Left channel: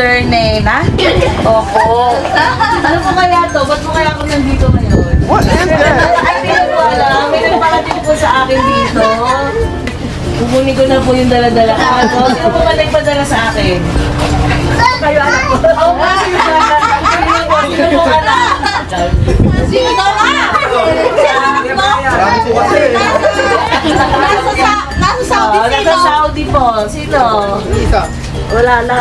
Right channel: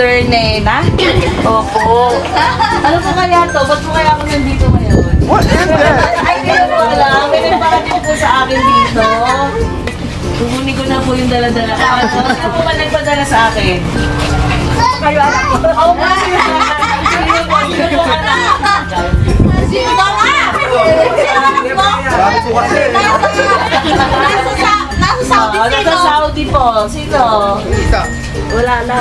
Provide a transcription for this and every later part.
Mother Nena? Opo. Ano po kaya to? Ba't po kaya ako nandito ngayon? What is that? Ay, hindi na po alam. May nagpakatid po sa akin dito. Bumuni ko na po yung dala-dala ko. Sino po ba nagpadala sa akin? Kayo anak ko. Oo po. Sino po? Sino po anak? Sino po anak? Bakit po kasi? Nasa Saudi po. Sino? Wala na.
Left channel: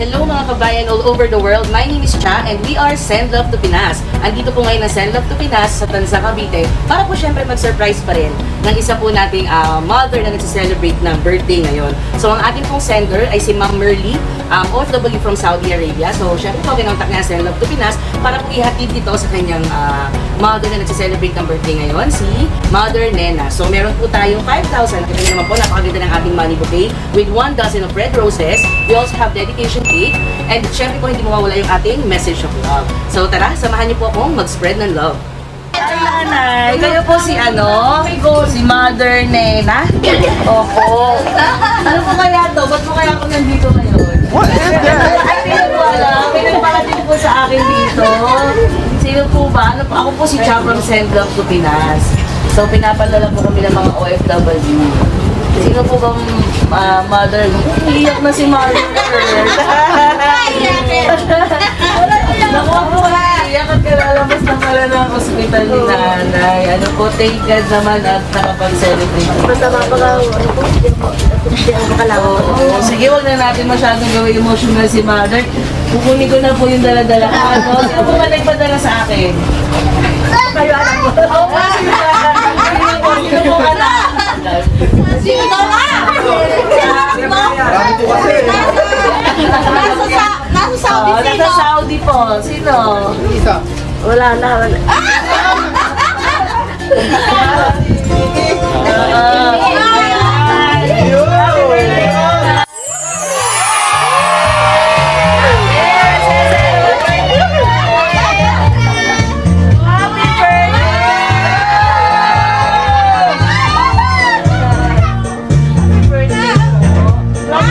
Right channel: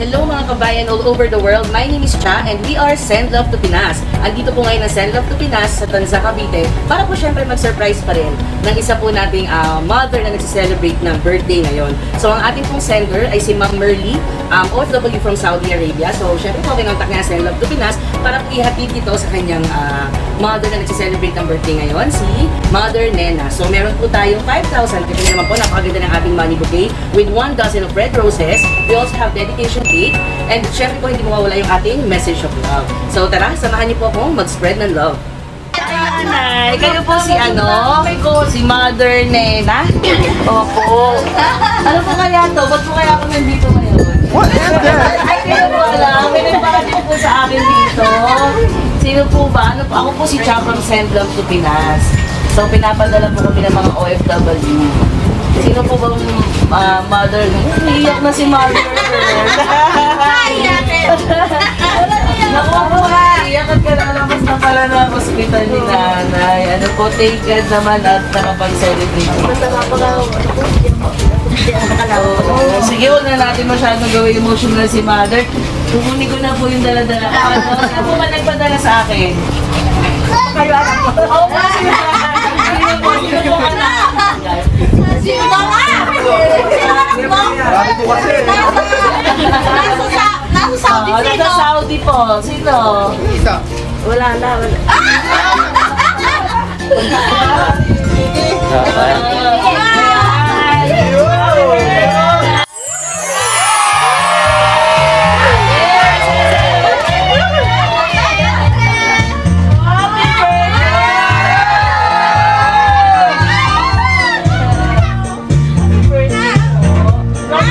Hello mga kabayan all over the world. My name is Cha and we are Send Love to Pinas. Andito po ngayon ang Send Love to Pinas sa Tanza, Cavite para po syempre mag-surprise pa rin ng isa po nating mother na nag-celebrate ng birthday ngayon. So ang ating pong sender ay si Ma'am Merly, OFW from Saudi Arabia. So syempre po binontak niya Send Love to Pinas para po ihatid ito sa kanyang mother na nag-celebrate ng birthday ngayon, si Mother Nena. So meron po tayong 5,000. Kita naman po napakaganda ng ating money bouquet with 1 dozen of red roses. We also have dedication cake. And syempre po hindi mawawala yung ating message of love. So tara, samahan niyo po akong mag-spread ng love. Ay, nanay. Kayo po si ano? Si Mother Nena? Opo. Ano po kaya to? Ba't po kaya ako nandito ngayon? What is that? Ay, hindi na po alam. May nagpakatid po sa akin dito. Sino po ba? Ano po? Ako po si Cha from Send Love to Pinas. So, pinapadala po kami ng mga OFW. Sino po bang mother? Iiyak na si mother. Nakuha po nga. Iiyak at kalalabas na pala ng ospital ni nanay. Ano po, thank God naman at nakapag-celebrate. Basta mapagawa, ano po, hindi ako makalawa. Sige, huwag na natin masyadong gawin emotional si mother. Kukunin ko na po yung dala-dala ko. Ano? Sino po ba nagpadala sa akin? Kayo anak ko. Oo nga. Sino po? Sino po anak? Sino ba nga? Bakit po kasi? Nasa Saudi, Nasa sino? Saudi po. Sino? Wala na, wala. Happy birthday ko na. Happy birthday. From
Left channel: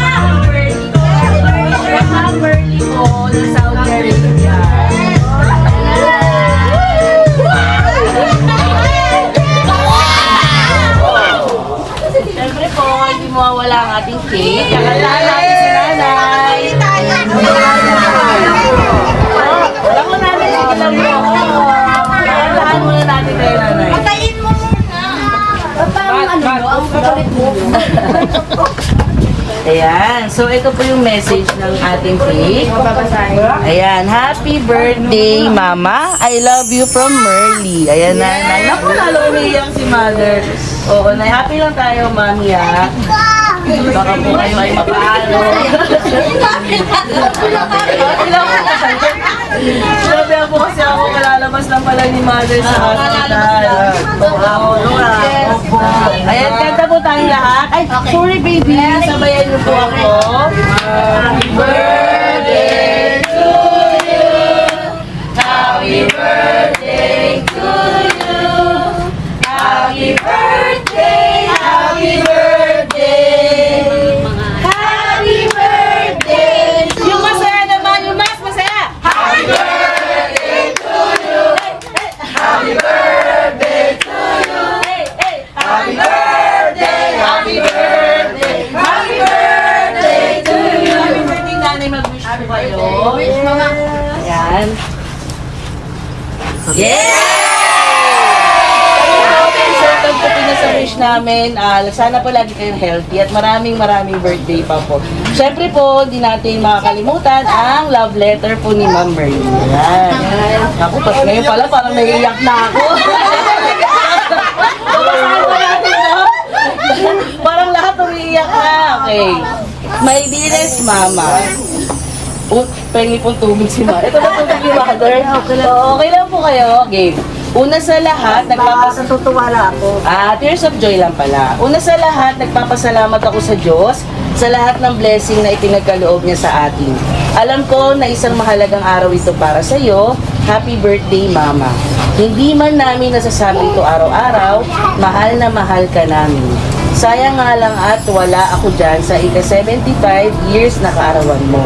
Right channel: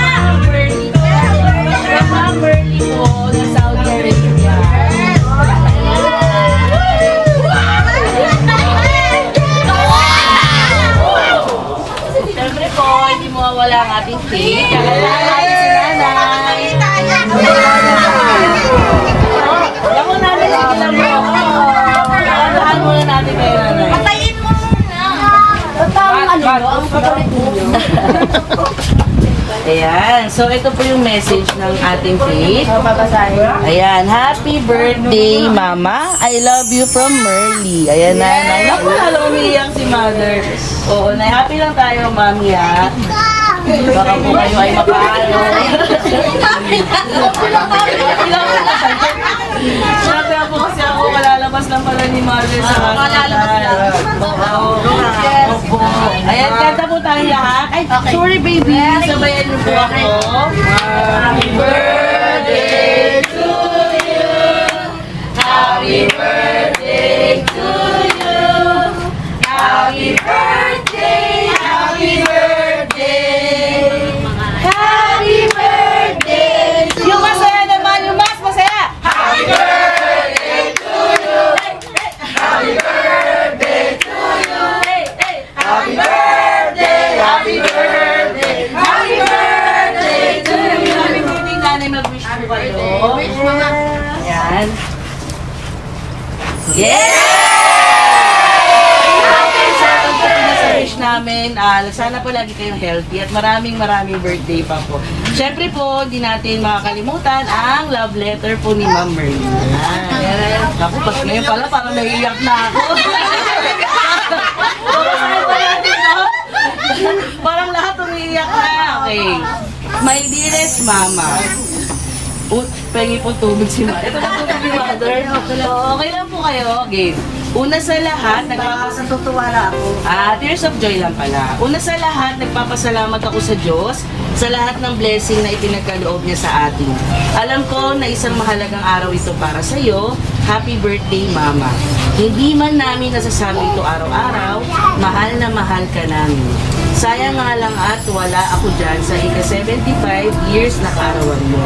Ma'am Merly po, ng Saudi Arabia. Siyempre po, hindi mawawala ang ating cake. Kakalahan natin si nanay. Alam mo namin, sige lang mo ako. Kakalahan muna natin kayo nanay. Patayin mo muna. Ba't parang ano mo, ang kapalit mo? Ayan. So, ito po yung message ng ating cake. Babasahin. Ayan. Happy birthday, Mama. I love you from Merly. Ayan, nanay. Naku, lalo umiiyak si mother. Oo, nay. Happy lang tayo, mami, ha? Baka po kayo ay mapaano. Sinabi po kasi ako, malalabas lang pala ni mother sa hospital. Opo. Ayan, kanta po tayong lahat. Ay, sorry baby. Sabayan niyo po ako. Happy birthday to you. Happy birthday to you. Happy birthday. Happy birthday. Happy birthday. Yung masaya naman, yung mas masaya. Happy birthday to you. Happy birthday to you. Happy birthday. Happy birthday. Happy birthday to you. Happy birthday, nanay. Mag-wish po kayo. Wish, mama. Ayan. Yeah! Wish namin, sana po lagi kayong healthy at maraming birthday pa po. Siyempre po, hindi natin makakalimutan ang love letter po ni Ma'am Merly. Ayan. Ako, pas ngayon pala, parang naiiyak na ako. Parang lahat umiiyak na. Okay. My dearest Mama, Pengi pong tubig si Mother. Ito na tubig ni Mother. Okay lang po kayo. Game. Una sa lahat, Natutuwala ako. tears of joy lang pala. Una sa lahat, nagpapasalamat ako sa Diyos sa lahat ng blessing na ipinagkaloob niya sa atin. Alam ko na isang mahalagang araw ito para sa iyo. Happy birthday, Mama. Hindi man namin nasasabi ito araw-araw, mahal na mahal ka namin. Sayang nga lang at wala ako dyan sa ika-75 years na kaarawan mo.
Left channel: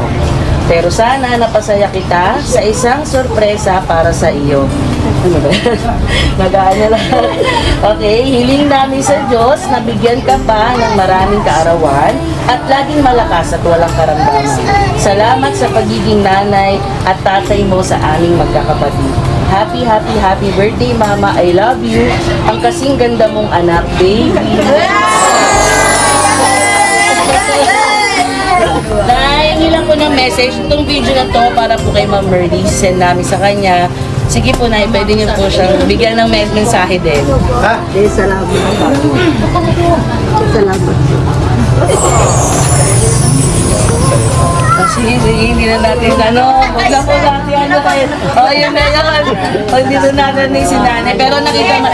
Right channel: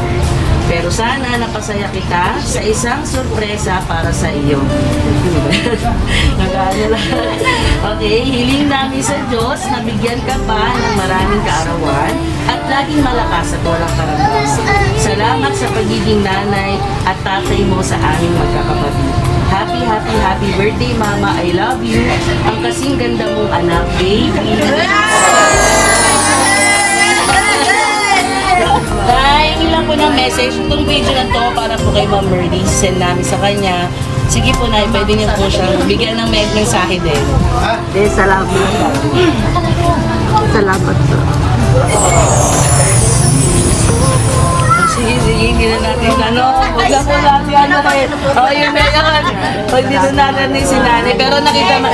Pero sana napasaya kita sa isang sorpresa para sa iyo. Ano ba? Nag-aano lang. Okay, hiling namin sa Diyos na bigyan ka pa ng maraming kaarawan at laging malakas at walang karamdaman. Salamat sa pagiging nanay at tatay mo sa aming magkakapatid. Happy, happy, happy birthday, Mama. I love you. Ang kasing ganda mong anak, baby. Dahil ilang po ng message, itong video na to para po kay Ma'am Merly, send namin sa kanya. Sige po na, pwede niyo po siyang bigyan ng mensahe din. Salamat. Salamat po. Kasi hindi na natin huwag na po natin kayo. Yun na yun. Pag dito natin ni si nanay. Pero nakita mo,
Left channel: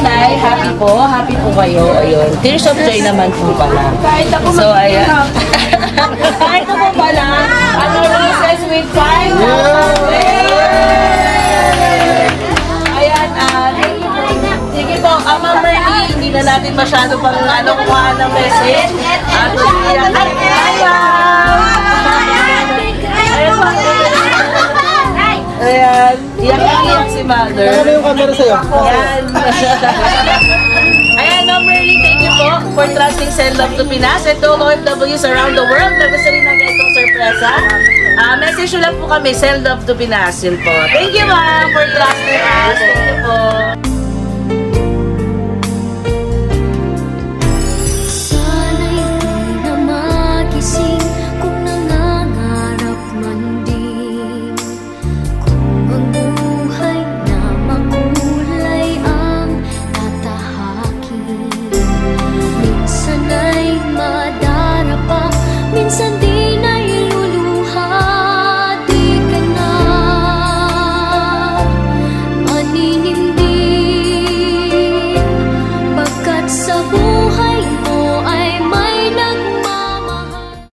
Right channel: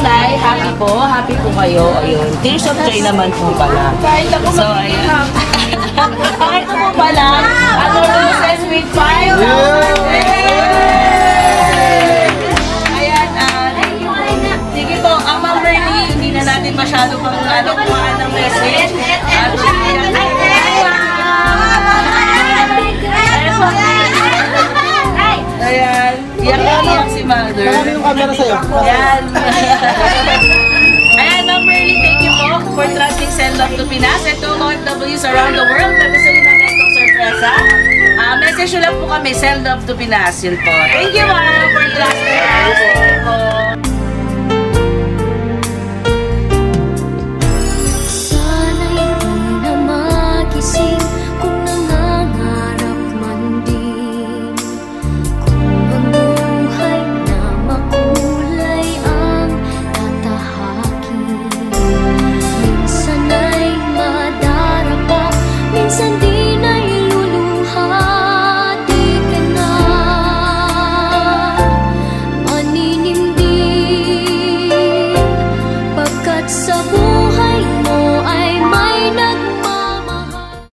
nay, happy po kayo. Ayun, tears of joy naman po pala. So, ayan. Kahit po pala, roses with fire. Ayan, sige po, ang Ma'am Merly, hindi na natin masyado pang kuhaan ng message. Ayan, iyak si Mother. Ano yung camera sa'yo? Ayan. Ayan, Ma'am Merly, thank you po for trusting Send Love to Pinas and to OFWs around the world na gusto rin ng ganitong sorpresa. Message nyo lang po kami, Send Love to Pinas, yun po. Thank you, ma'am, for trusting us. Thank you po.